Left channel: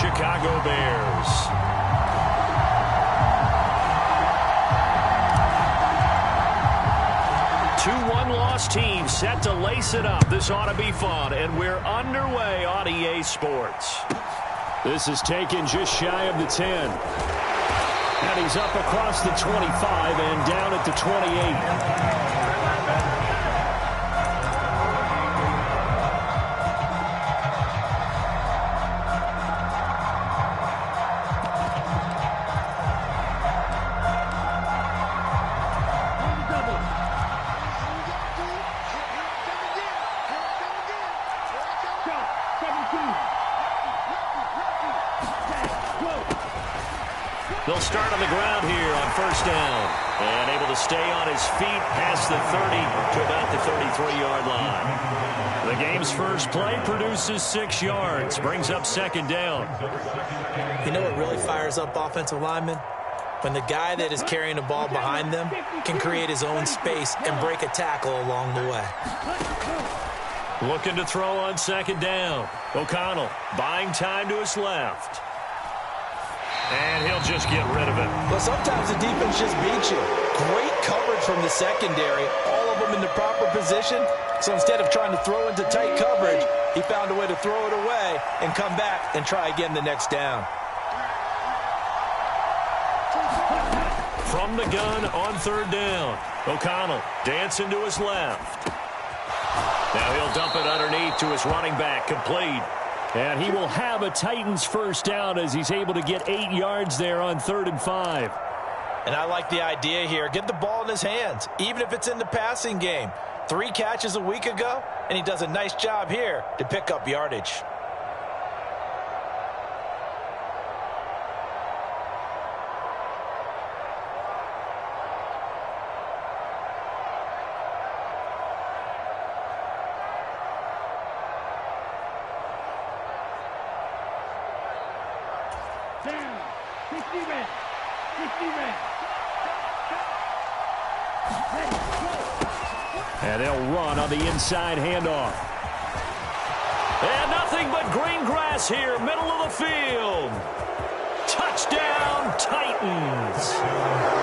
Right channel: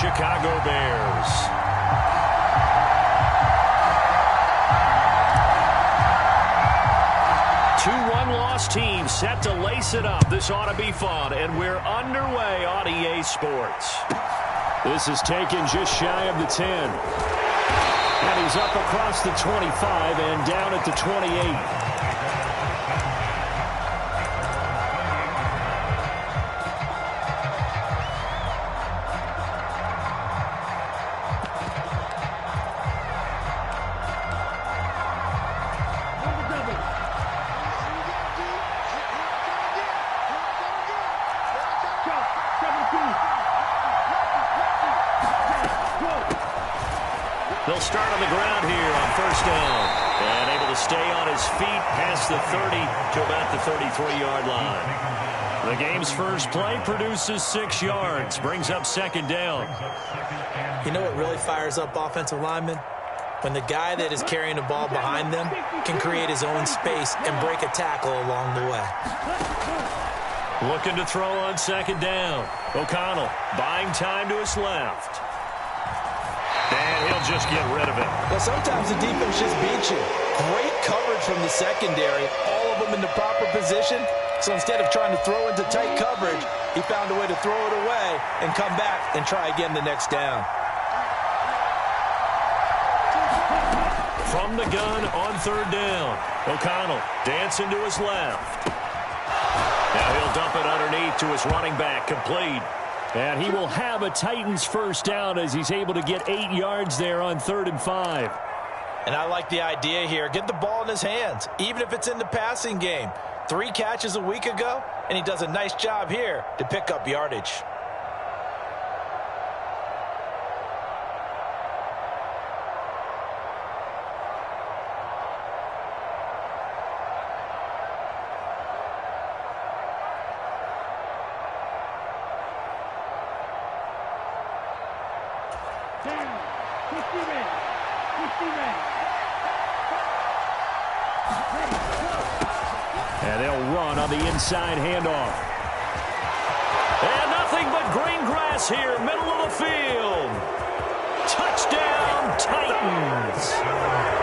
Chicago Bears. Two one-loss teams set to lace it up. This ought to be fun, and we're underway on EA Sports. This is taken just shy of the 10. And he's up across the 25 and down at the 28. They'll start on the ground here on first down. And able to stay on his feet past the 30 to about the 33-yard line. The game's first play produces 6 yards. Brings up second down. You know what really fires up offensive linemen? When the guy that is carrying the ball behind them can create his own space and break a tackle along the way. Looking to throw on second down. O'Connell buying time to his left. And he'll just get rid of it. Well, sometimes the defense just beats you. Great coverage from the secondary. All of them in the proper position. So instead of trying to throw into tight coverage, he found a way to throw it away and come back and try again the next down. From the gun on third down. O'Connell dancing to his left. Now he'll dump it underneath to his running back, complete. And he will have a Titans first down as he's able to get 8 yards there on 3rd and 5. And I like the idea here. Get the ball in his hands, even if it's in the passing game. 3 catches a week ago, and he does a nice job here to pick up yardage. Down. 50 red. 50 red. Ready, go. And they'll run on the inside handoff. And nothing but green grass here, middle of the field. Touchdown, Titans.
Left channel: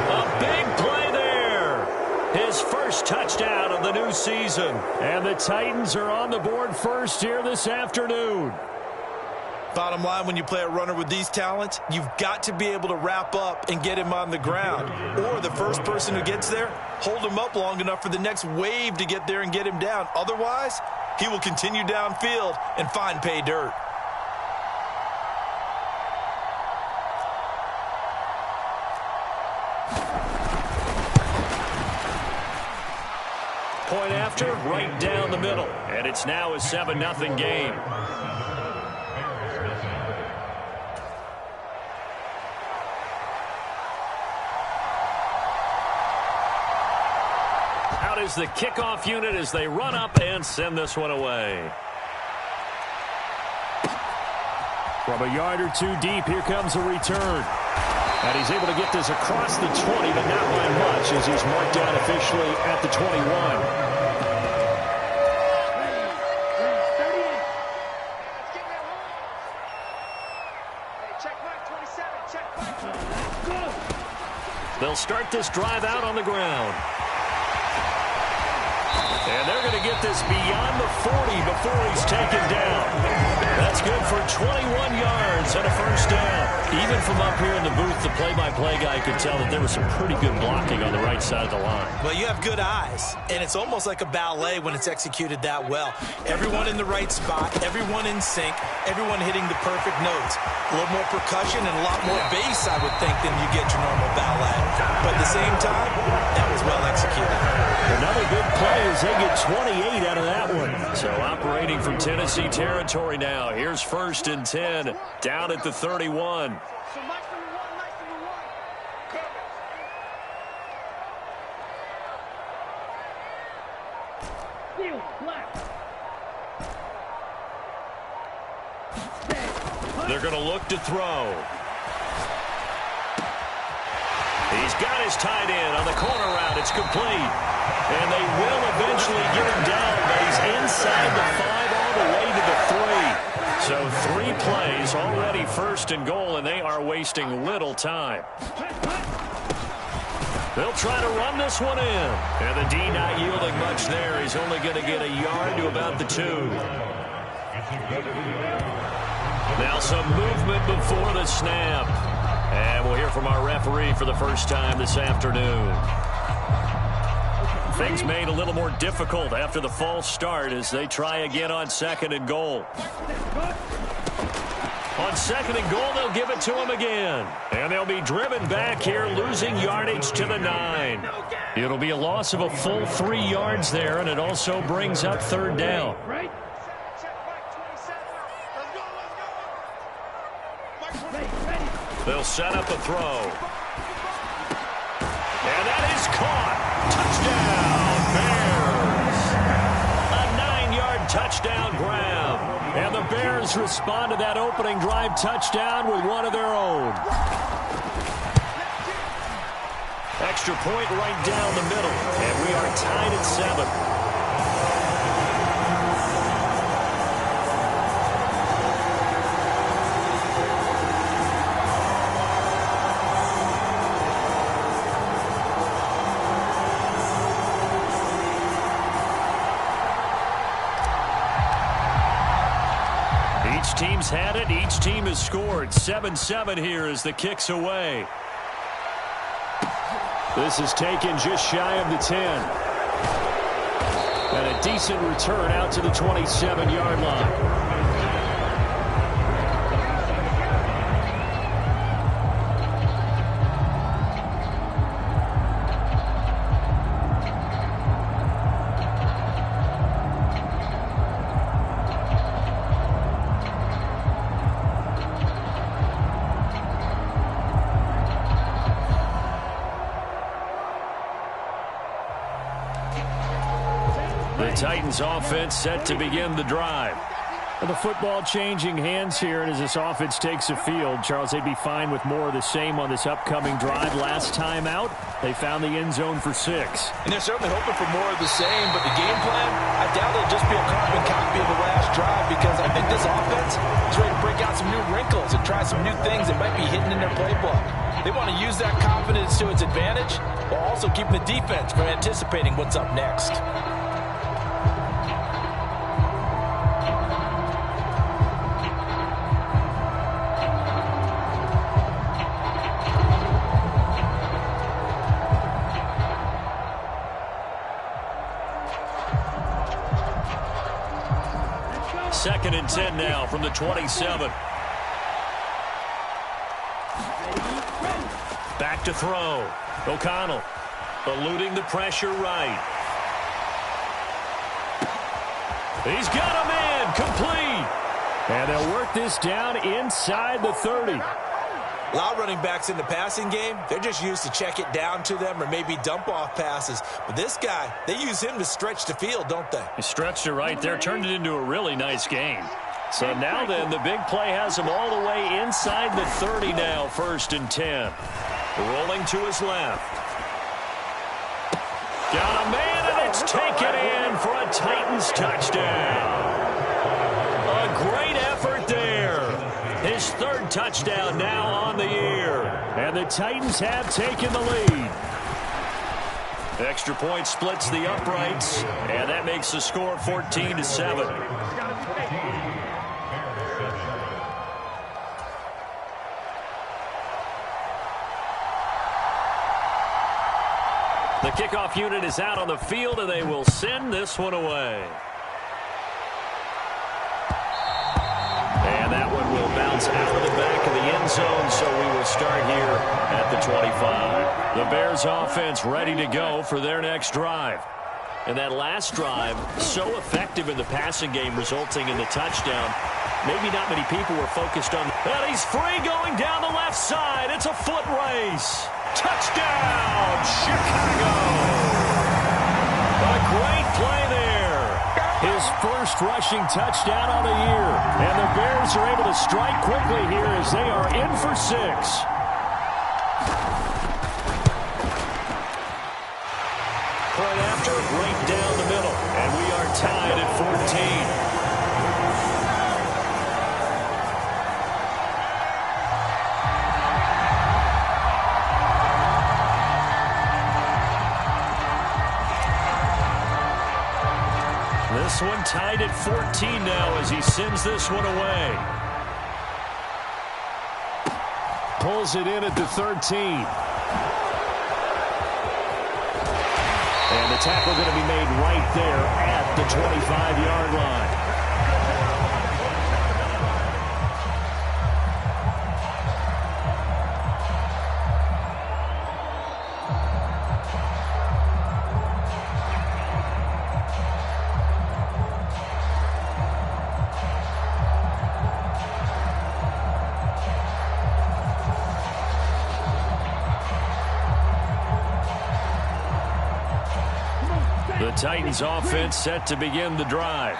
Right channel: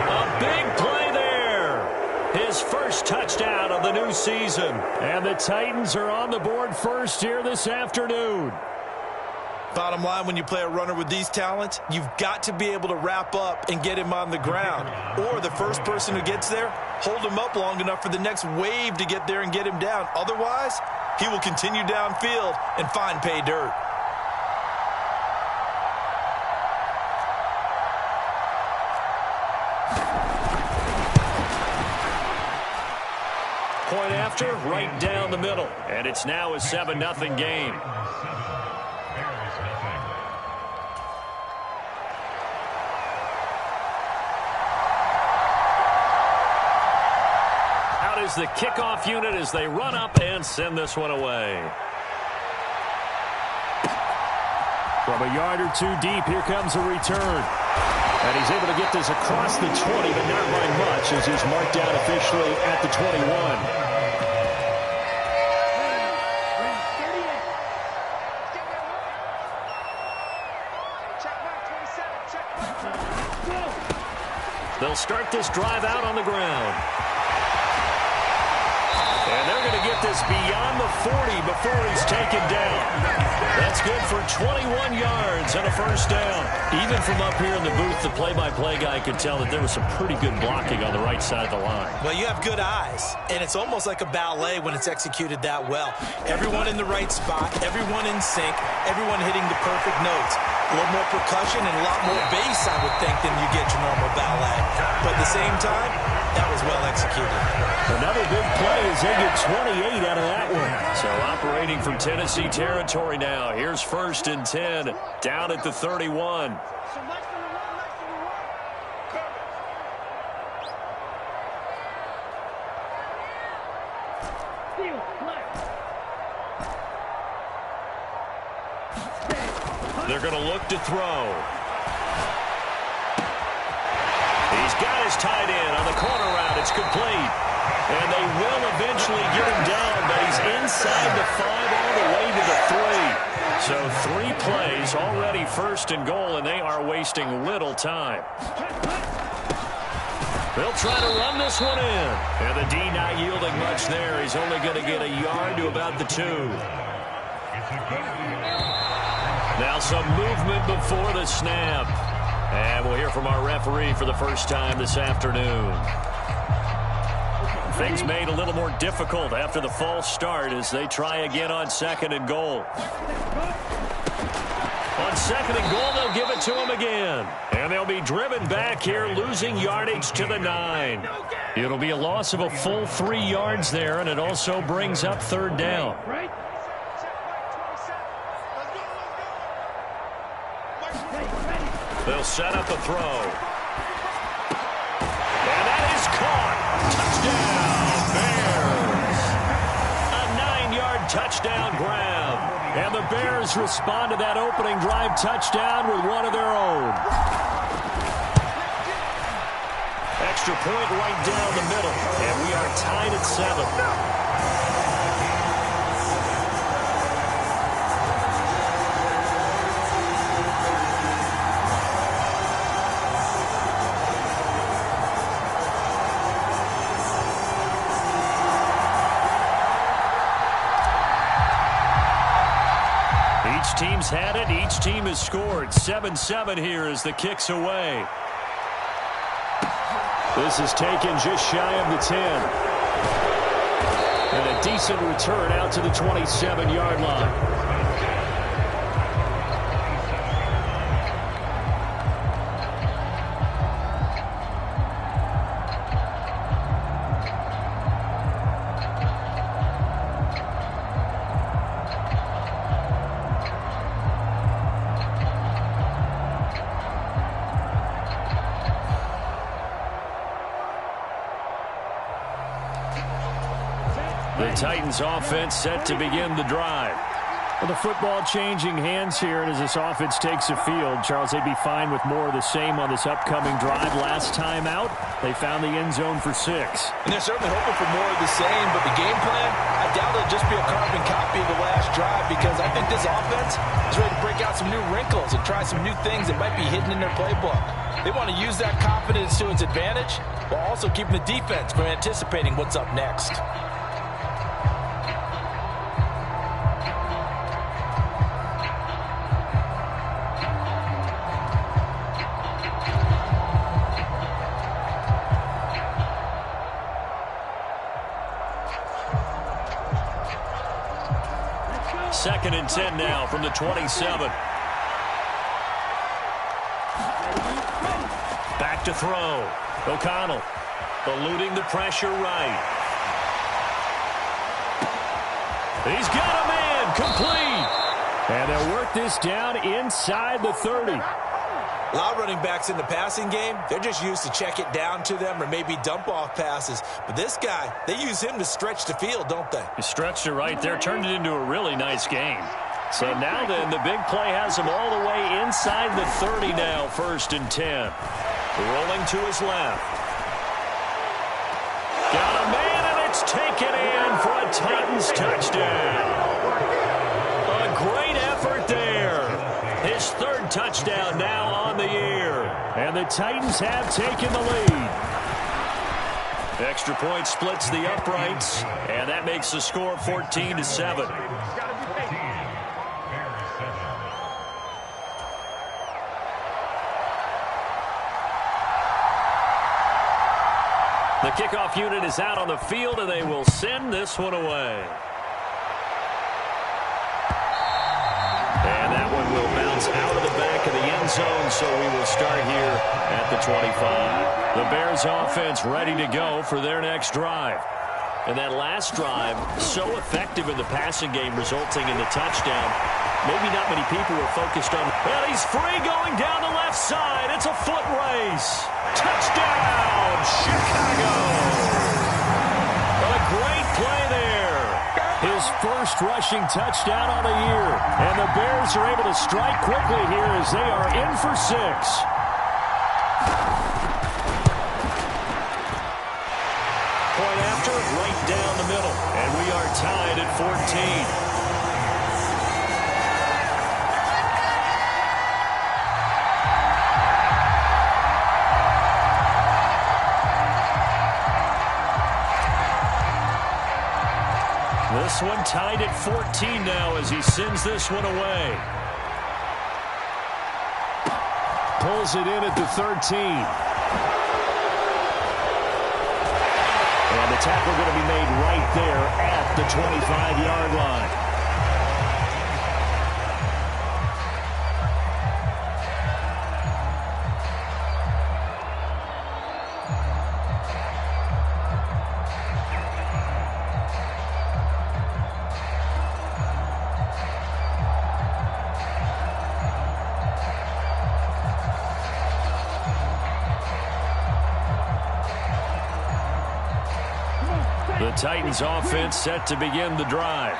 A big play there. His first touchdown of the new season. And the Titans are on the board first here this afternoon. Bottom line, when you play a runner with these talents, you've got to be able to wrap up and get him on the ground. Or the first person who gets there, hold him up long enough for the next wave to get there and get him down. Otherwise, he will continue downfield and find pay dirt. Point after, right down the middle. And it's now a 7-0 game. Out is the kickoff unit as they run up and send this one away. From a yard or two deep, here comes a return. And he's able to get this across the 20, but not by much as he's marked down officially at the 21. They'll start this drive out on the ground. And they're going to get this beyond the 40 before he's taken down. That's good for 21 yards and a first down. Even from up here in the booth, the play-by-play guy could tell that there was some pretty good blocking on the right side of the line. Well, you have good eyes, and it's almost like a ballet when it's executed that well. Everyone in the right spot, everyone in sync, everyone hitting the perfect notes. A little more percussion and a lot more bass, I would think, than you get your normal ballet. But at the same time, that was well executed. Another big play as they get 28 out of that one. So operating from Tennessee territory now. Here's 1st and 10 down at the 31. So Mike number one. Cover. Field, black. They're going to look to throw. He's got his tight end on the corner route. It's complete. And they will eventually get him down, but he's inside the 5 all the way to the 3. So 3 plays, already 1st and goal, and they are wasting little time. They'll try to run this one in. And the D not yielding much there. He's only going to get a yard to about the 2. Now some movement before the snap. And we'll hear from our referee for the first time this afternoon. Things made a little more difficult after the false start as they try again on 2nd and goal. On 2nd and goal, they'll give it to him again. And they'll be driven back here, losing yardage to the 9. It'll be a loss of a full 3 yards there, and it also brings up 3rd down. They'll set up a throw. And that is caught. Touchdown, Bears. A 9-yard touchdown grab. And the Bears respond to that opening drive touchdown with one of their own. Extra point right down the middle. And we are tied at 7. Each team's had it. Each team has scored. 7-7 here as the kick's away. This is taken just shy of the 10. And a decent return out to the 27-yard line. The Titans offense set to begin the drive. The football changing hands here, and as this offense takes the field, Charles, they'd be fine with more of the same on this upcoming drive. Last time out, they found the end zone for 6. And they're certainly hoping for more of the same, but the game plan, I doubt it'll just be a carbon copy of the last drive, because I think this offense is ready to break out some new wrinkles and try some new things that might be hidden in their playbook. They want to use that confidence to its advantage, while also keeping the defense from anticipating what's up next. Second and 10 now from the 27. Back to throw. O'Connell eluding the pressure right. He's got a man complete. And they'll work this down inside the 30. A lot of running backs in the passing game, they're just used to check it down to them or maybe dump off passes. But this guy, they use him to stretch the field, don't they? He stretched it right there, turned it into a really nice game. So now then, the big play has him all the way inside the 30 now, 1st and 10. Rolling to his left. Got a man, and it's taken in for a Titans touchdown. A great effort there. His 3rd touchdown now on the year. And the Titans have taken the lead. Extra point splits the uprights, and that makes the score 14-7. The kickoff unit is out on the field, and they will send this one away. And that one will bounce out of the back of the end zone, so we will start here at the 25. The Bears offense ready to go for their next drive. And that last drive, so effective in the passing game, resulting in the touchdown. Maybe not many people were focused on. Well, he's free going down the left side. It's a foot race. Touchdown, Chicago. A great play there. His 1st rushing touchdown on the year. And the Bears are able to strike quickly here as they are in for 6. Point after, right down the middle. And we are tied at 14. This one tied at 14 now as he sends this one away. Pulls it in at the 13. And the tackle going to be made right there at the 25-yard line. The Titans offense set to begin the drive.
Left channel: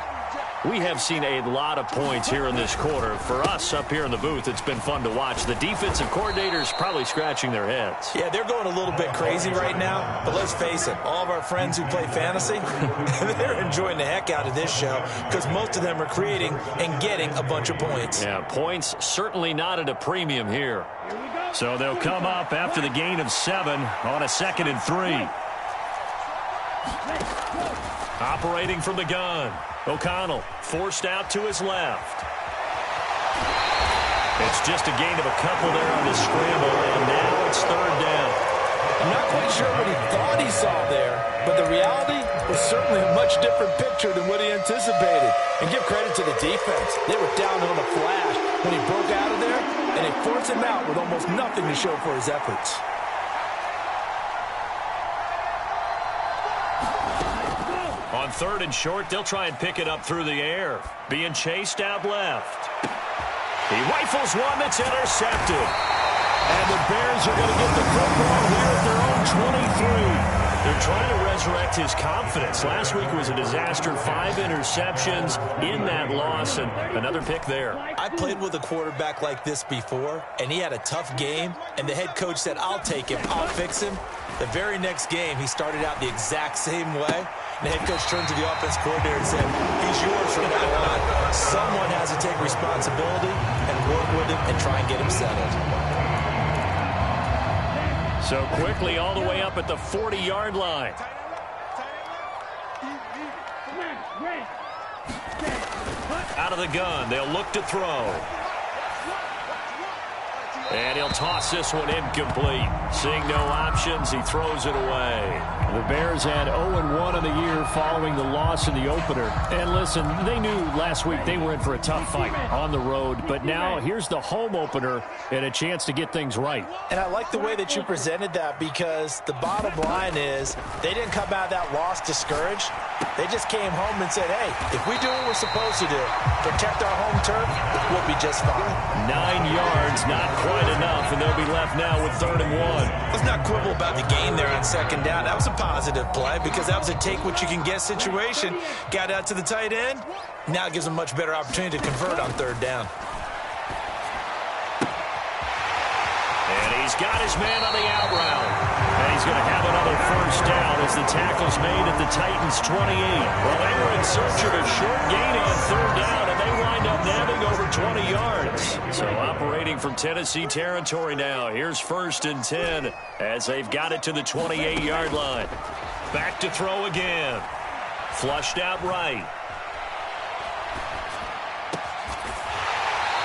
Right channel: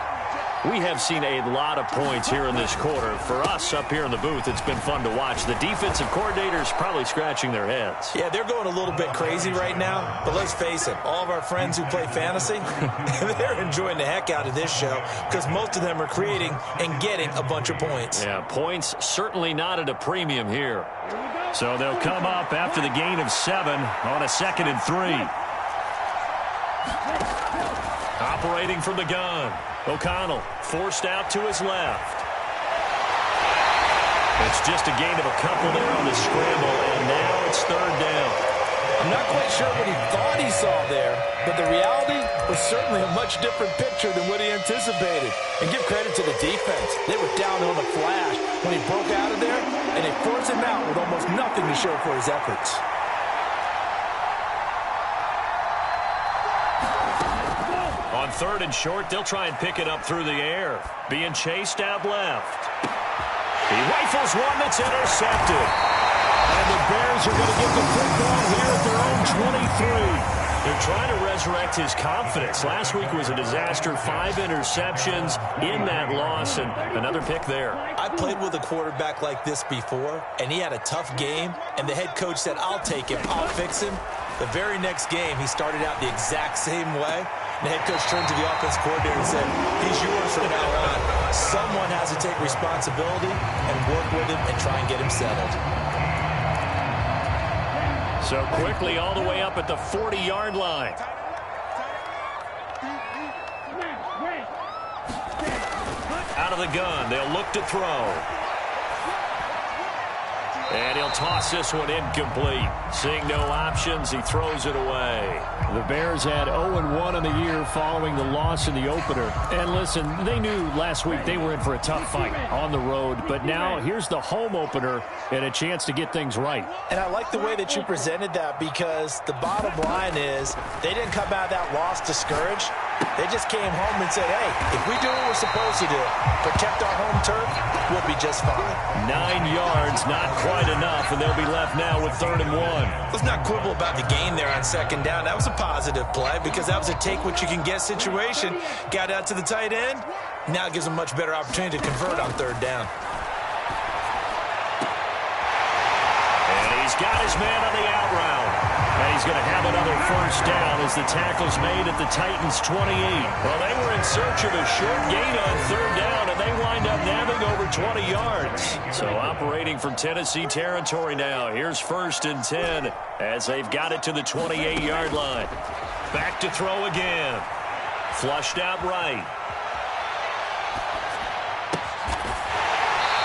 We have seen a lot of points here in this quarter. For us up here in the booth, it's been fun to watch. The defensive coordinators probably scratching their heads. Yeah, they're going a little bit crazy right now, but let's face it, all of our friends who play fantasy, they're enjoying the heck out of this show because most of them are creating and getting a bunch of points. Yeah, points certainly not at a premium here. So they'll come up after the gain of 7 on a 2nd and 3. Operating from the gun. O'Connell forced out to his left. It's just a gain of a couple there on the scramble, and now it's 3rd down. I'm not quite sure what he thought he saw there, but the reality was certainly a much different picture than what he anticipated. And give credit to the defense. They were down on a flash when he broke out of there, and they forced him out with almost nothing to show for his efforts. On 3rd and short, they'll try and pick it up through the air. Being chased out left. He rifles one that's intercepted. And the Bears are going to get the football here at their own 23. They're trying to resurrect his confidence. Last week was a disaster. 5 interceptions in that loss, and another pick there. I played with a quarterback like this before, and he had a tough game, and the head coach said, I'll take him, I'll fix him. The very next game, he started out the exact same way. And the head coach turned to the offense coordinator and said, he's yours from now on. Someone has to take responsibility and work with him and try and get him settled. So quickly all the way up at the 40-yard line. Out of the gun, they'll look to throw. And he'll toss this one incomplete. Seeing no options, he throws it away. The Bears had 0-1 in the year following the loss in the opener. And listen, they knew last week they were in for a tough fight on the road. But now here's the home opener and a chance to get things right. And I like the way that you presented that because the bottom line is they didn't come out of that loss discouraged. They just came home and said, hey, if we do what we're supposed to do, protect our home turf, we'll be just fine. 9 yards, not quite enough, and they'll be left now with 3rd and 1. Let's not quibble about the gain there on 2nd down. That was a positive play because that was a take-what-you-can-get situation. Got out to the tight end. Now it gives them a much better opportunity to convert on 3rd down. And he's got his man on the out route. And he's going to have another 1st down as the tackle's made at the Titans' 28. Well, they were in search of a short gain on 3rd down, and they wind up nabbing over 20 yards. So operating from Tennessee territory now. Here's 1st and 10 as they've got it to the 28-yard line. Back to throw again. Flushed out right.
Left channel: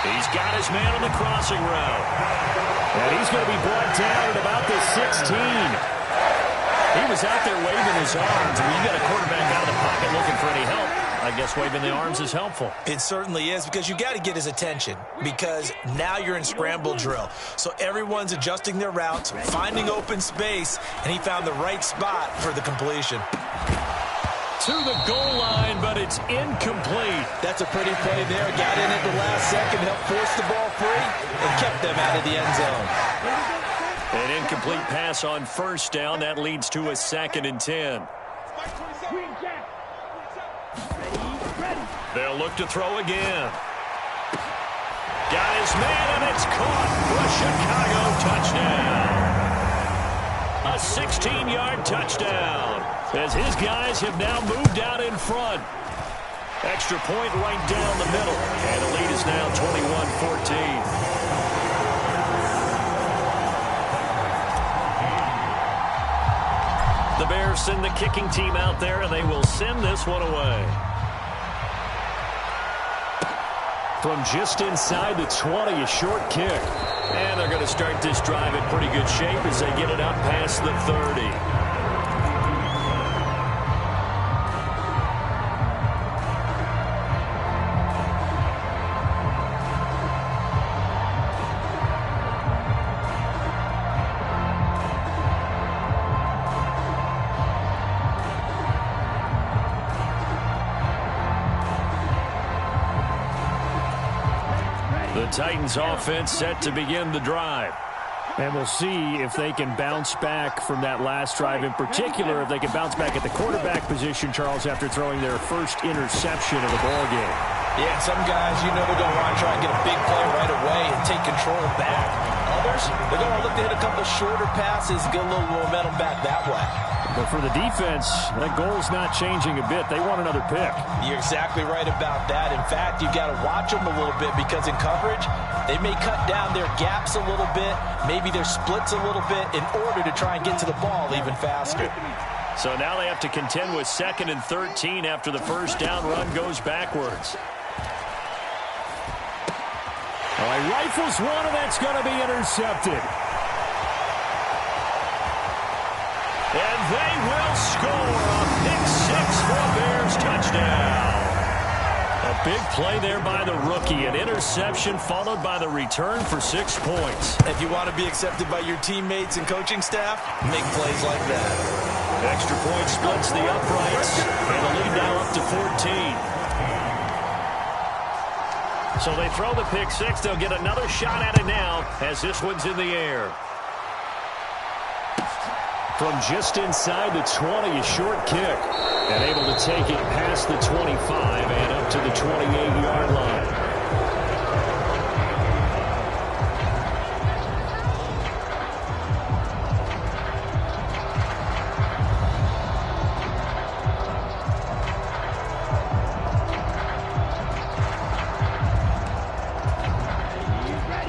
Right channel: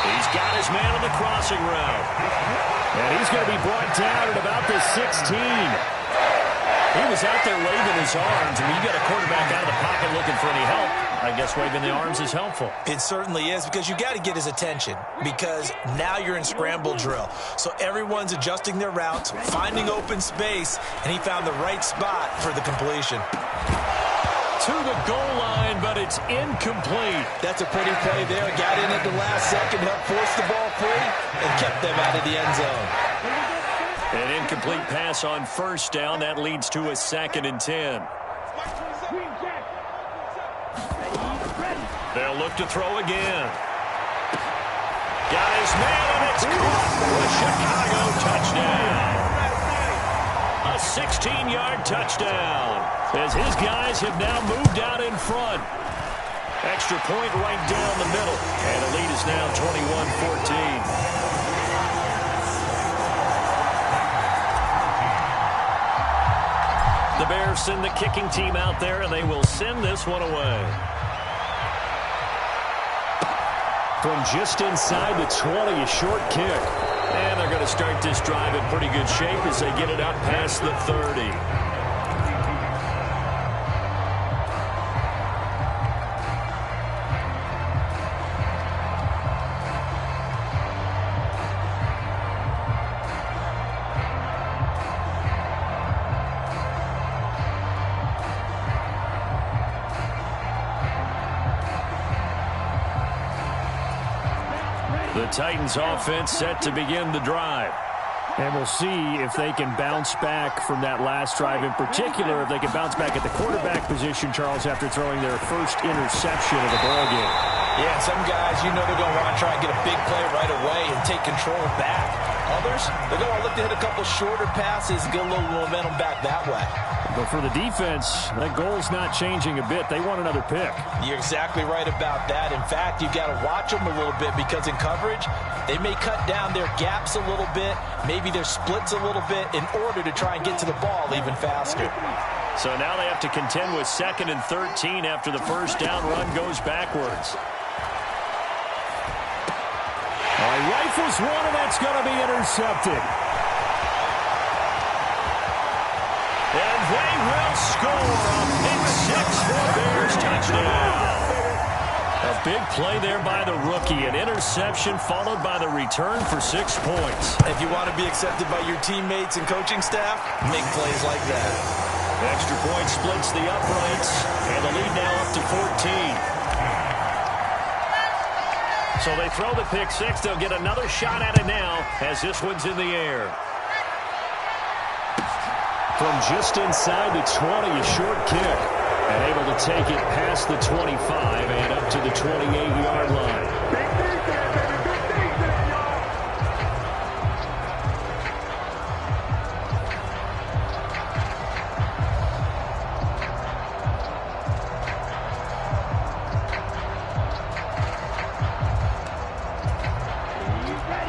He's got his man on the crossing route. And he's going to be brought down at about the 16. He was out there waving his arms. When you got a quarterback out of the pocket looking for any help, I guess waving the arms is helpful. It certainly is because you got to get his attention because now you're in scramble drill. So everyone's adjusting their routes, finding open space, and he found the right spot for the completion. To the goal line, but it's incomplete. That's a pretty play there. Got in at the last second, helped force the ball free, and kept them out of the end zone. An incomplete pass on 1st down. That leads to a 2nd and 10. They'll look to throw again. Got his man, and it's caught for a Chicago touchdown. A 16-yard touchdown as his guys have now moved out in front. Extra point right down the middle, and the lead is now 21-14. The Bears send the kicking team out there, and they will send this one away. From just inside the 20, a short kick. And they're going to start this drive in pretty good shape as they get it up past the 30. The Titans offense set to begin the drive. And we'll see if they can bounce back from that last drive. In particular, if they can bounce back at the quarterback position, Charles, after throwing their first interception of the ball game. Yeah, some guys, they're going to want to try and get a big play right away and take control back. Others, they're going to look to hit a couple shorter passes and get a little momentum back that way. But for the defense, that goal's not changing a bit. They want another pick. You're exactly right about that. In fact, you've got to watch them a little bit because in coverage, they may cut down their gaps a little bit, maybe their splits a little bit in order to try and get to the ball even faster. So now they have to contend with 2nd and 13 after the first down run goes backwards. All right, rifles one, and that's going to be intercepted. And they will score a pick-6 for a Bears touchdown. A big play there by the rookie. An interception followed by the return for 6 points. If you want to be accepted by your teammates and coaching staff, make plays like that. Extra point splits the uprights, and the lead now up to 14. So they throw the pick-6. They'll get another shot at it now as this one's in the air. From just inside the 20, a short kick. And able to take it past the 25 and up to the 28-yard line.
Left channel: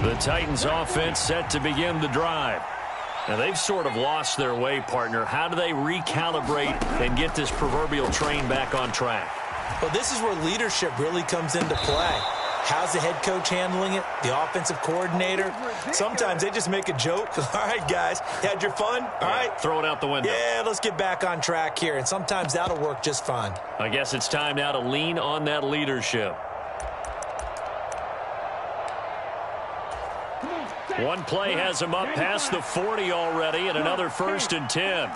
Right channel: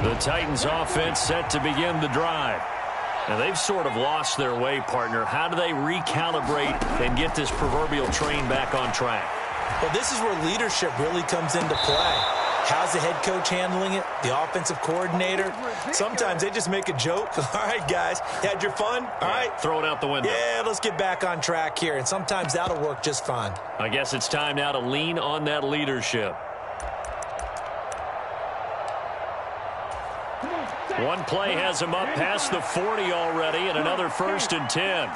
The Titans offense set to begin the drive. Now, they've sort of lost their way, partner. How do they recalibrate and get this proverbial train back on track? Well, this is where leadership really comes into play. How's the head coach handling it? The offensive coordinator? Sometimes they just make a joke. All right, guys, you had your fun? All right. Throw it out the window. Yeah, let's get back on track here. And sometimes that'll work just fine. I guess it's time now to lean on that leadership. One play has him up past the 40 already, and another 1st and 10.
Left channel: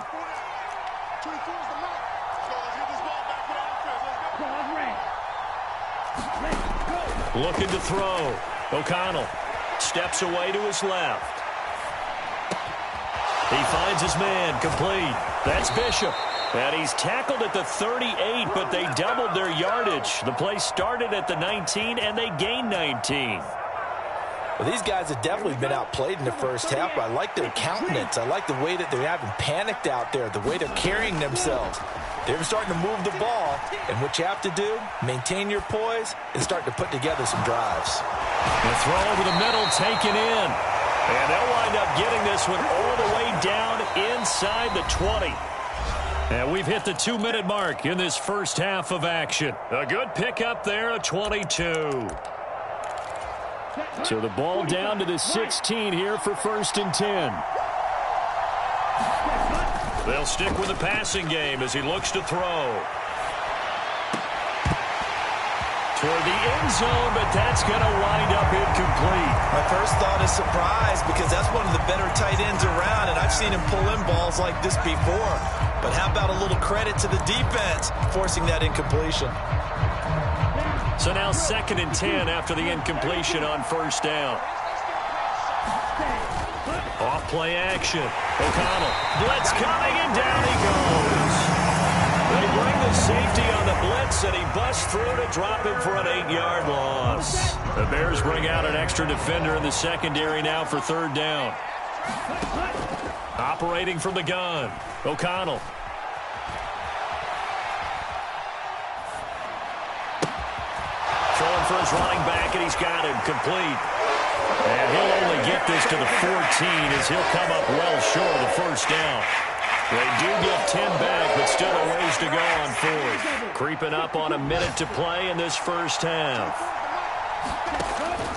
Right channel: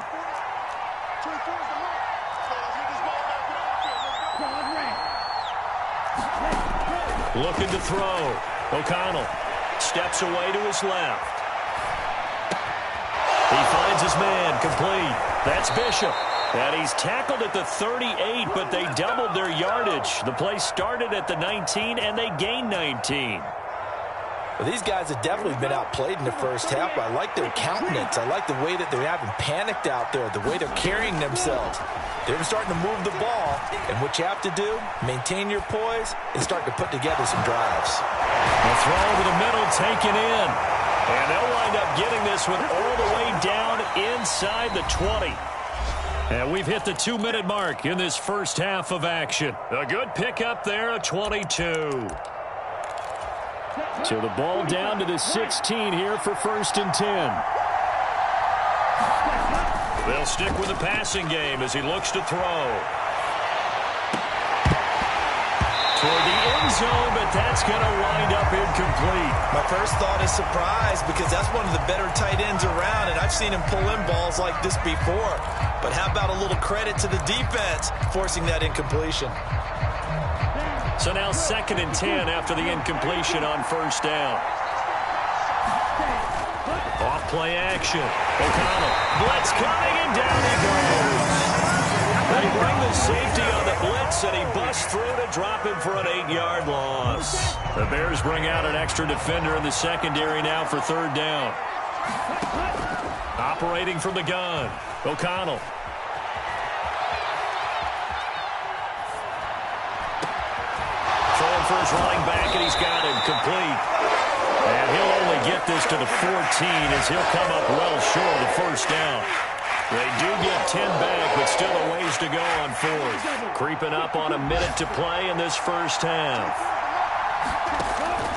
Looking to throw. O'Connell steps away to his left. He finds his man, complete. That's Bishop. And he's tackled at the 38, but they doubled their yardage. The play started at the 19, and they gained 19. Well, these guys have definitely been outplayed in the first half, but I like their countenance. I like the way that they're having panicked out there, the way they're carrying themselves. They're starting to move the ball, and what you have to do, maintain your poise and start to put together some drives. The throw over the middle taken in, and they'll wind up getting this one all the way down inside the 20. And we've hit the 2-minute mark in this first half of action. A good pickup there, a 22. So the ball down to the 16 here for 1st and 10. They'll stick with the passing game as he looks to throw. Toward the end zone, but that's going to wind up incomplete. My first thought is surprise because that's one of the better tight ends around, and I've seen him pull in balls like this before. But how about a little credit to the defense forcing that incompletion? So now 2nd and 10 after the incompletion on 1st down. Off play action. O'Connell. Blitz coming, and down he goes. They bring the safety on the blitz, and he busts through to drop him for an 8-yard loss. The Bears bring out an extra defender in the secondary now for 3rd down. Operating from the gun. O'Connell. Throwing for his running back, and he's got him complete. And he'll only get this to the 14 as he'll come up well short of the 1st down. They do get 10 back, but still a ways to go on 4th. Creeping up on a minute to play in this first half.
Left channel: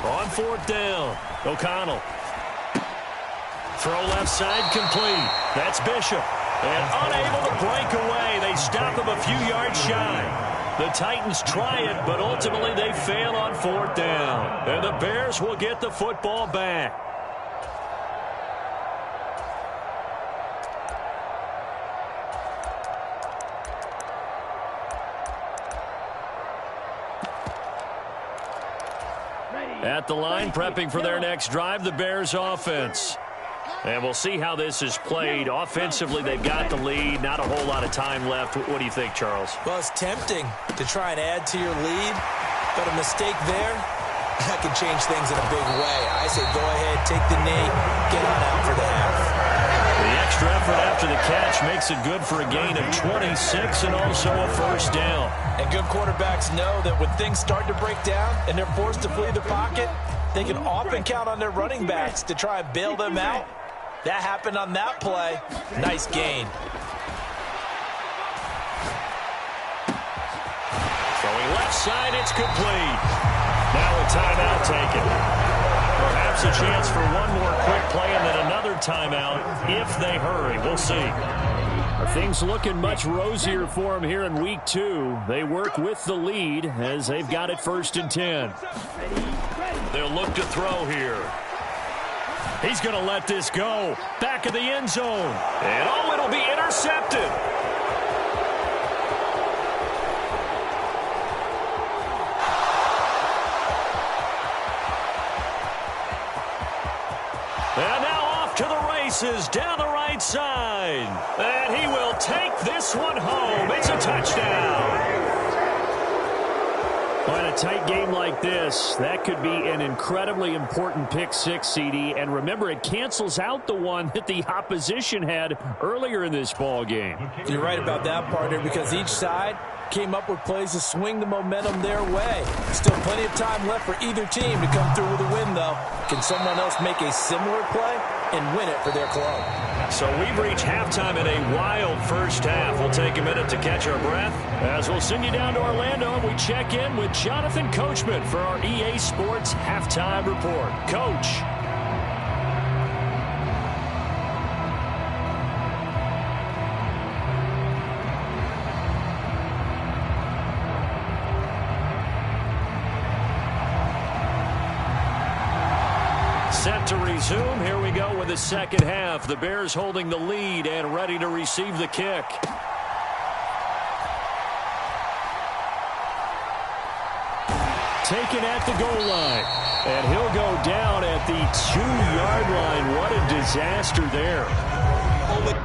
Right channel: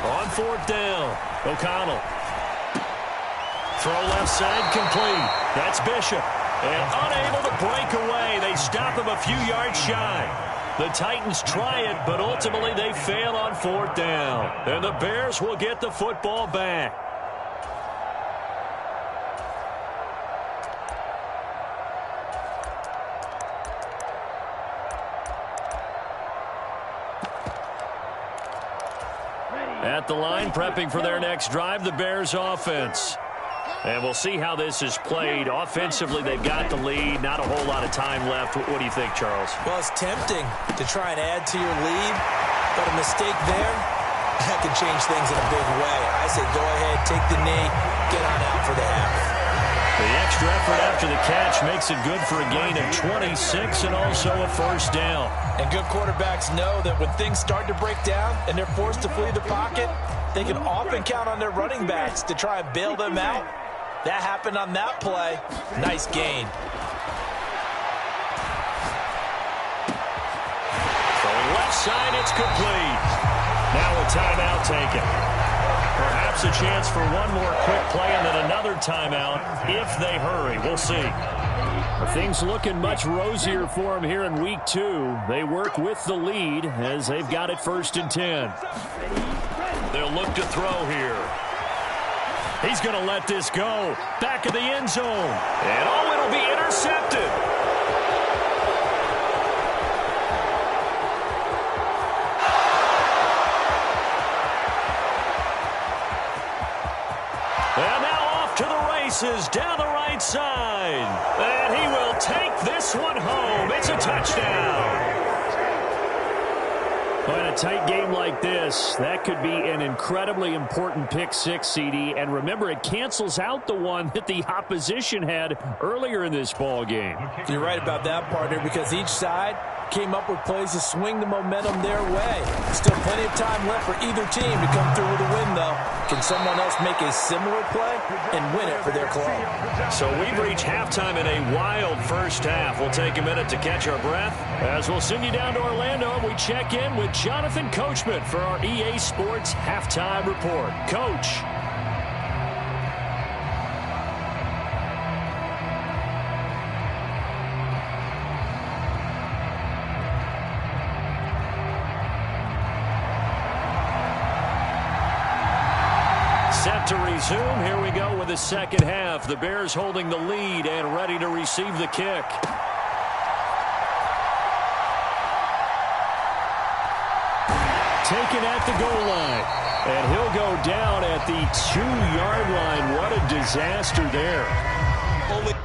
On fourth down, O'Connell. Throw left side complete. That's Bishop. And unable to break away. They stop him a few yards shy. The Titans try it, but ultimately they fail on fourth down. And the Bears will get the football back. At the line, prepping for their next drive, the Bears offense. And we'll see how this is played. Offensively, they've got the lead. Not a whole lot of time left. What do you think, Charles? Well, it's tempting to try and add to your lead, but a mistake there, that can change things in a big way. I say go ahead, take the knee, get on out for the half. The extra effort after the catch makes it good for a gain of 26 and also a first down. And good quarterbacks know that when things start to break down and they're forced to flee the pocket, they can often count on their running backs to try and bail them out. That happened on that play. Nice gain. Throwing left side, it's complete. Now a timeout taken. Perhaps a chance for one more quick play and then another timeout if they hurry. We'll see. Are things looking much rosier for them here in week 2? They work with the lead as they've got it 1st and 10. They'll look to throw here. He's going to let this go. Back of the end zone. And oh, it'll be intercepted. And now off to the races down the right side. And he will take this one home. It's a touchdown. Well, in a tight game like this, that could be an incredibly important pick six, CD. And remember, it cancels out the one that the opposition had earlier in this ball game. You're right about that, partner, because each side came up with plays to swing the momentum their way. Still plenty of time left for either team to come through with a win, though. Can someone else make a similar play and win it for their club? So we've reached halftime in a wild first half. We'll take a minute to catch our breath as we'll send you down to Orlando and we check in with Jonathan Coachman for our EA Sports Halftime Report. Coach. Set to resume. Here we go with the second half. The Bears holding the lead and ready to receive the kick. Taken at the goal line. And he'll go down at the 2-yard line. What a disaster there. Only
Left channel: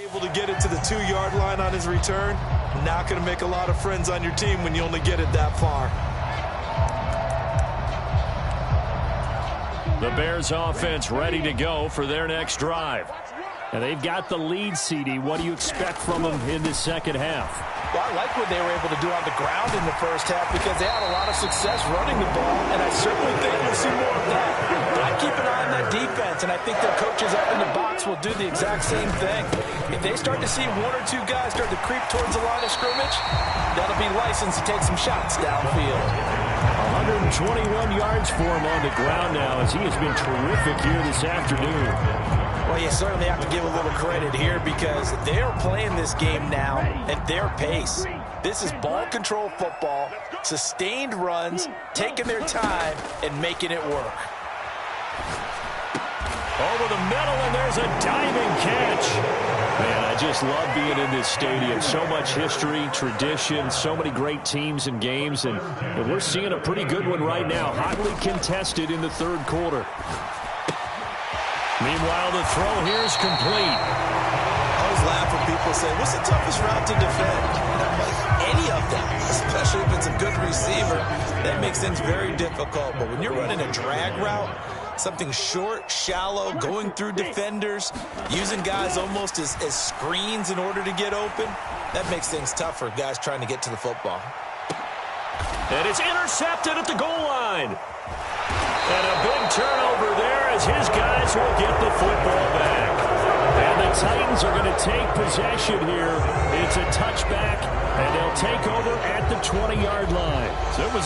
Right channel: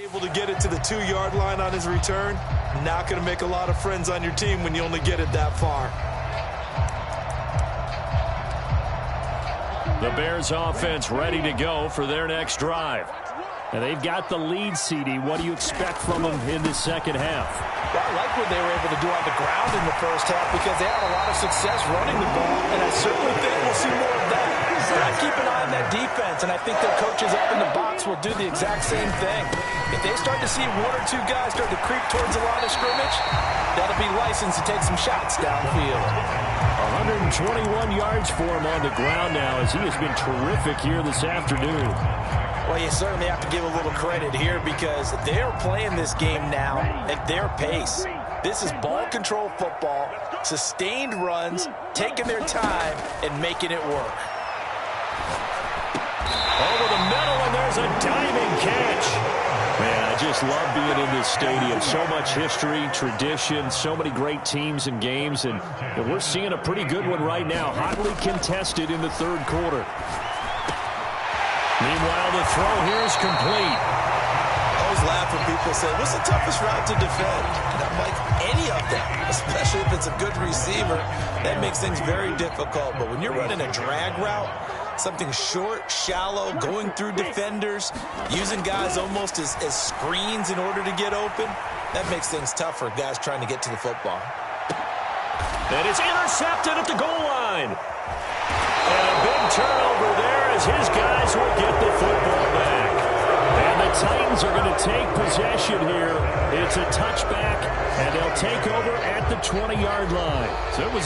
Able to get it to the 2-yard line on his return. Not going to make a lot of friends on your team when you only get it that far. The Bears offense ready to go for their next drive. And they've got the lead, CD. What do you expect from them in the second half? Well, I like what they were able to do on the ground in the first half because they had a lot of success running the ball, and I certainly think we'll see more of that. But I keep an eye on that defense, and I think their coaches up in the box will do the exact same thing. If they start to see 1 or 2 guys start to creep towards the line of scrimmage, that'll be licensed to take some shots downfield. 121 yards for him on the ground now as he has been terrific here this afternoon. Well, you certainly have to give a little credit here because they're playing this game now at their pace. This is ball control football, sustained runs, taking their time, and making it work. Over the middle, and there's a diving catch. Man, I just love being in this stadium. So much history, tradition, so many great teams and games, and we're seeing a pretty good one right now, hotly contested in the third quarter. Meanwhile, the throw here is complete. I always laugh when people say, what's the toughest route to defend? And I'm like, any of them, especially if it's a good receiver. That makes things very difficult. But when you're running a drag route, something short, shallow, going through defenders, using guys almost as screens in order to get open, that makes things tough for guys trying to get to the football. And it's intercepted at the goal line. And a big turnover there as his guys will get the football back. And the Titans are going to take possession here. It's a touchback, and they'll take over at the 20-yard line. So it was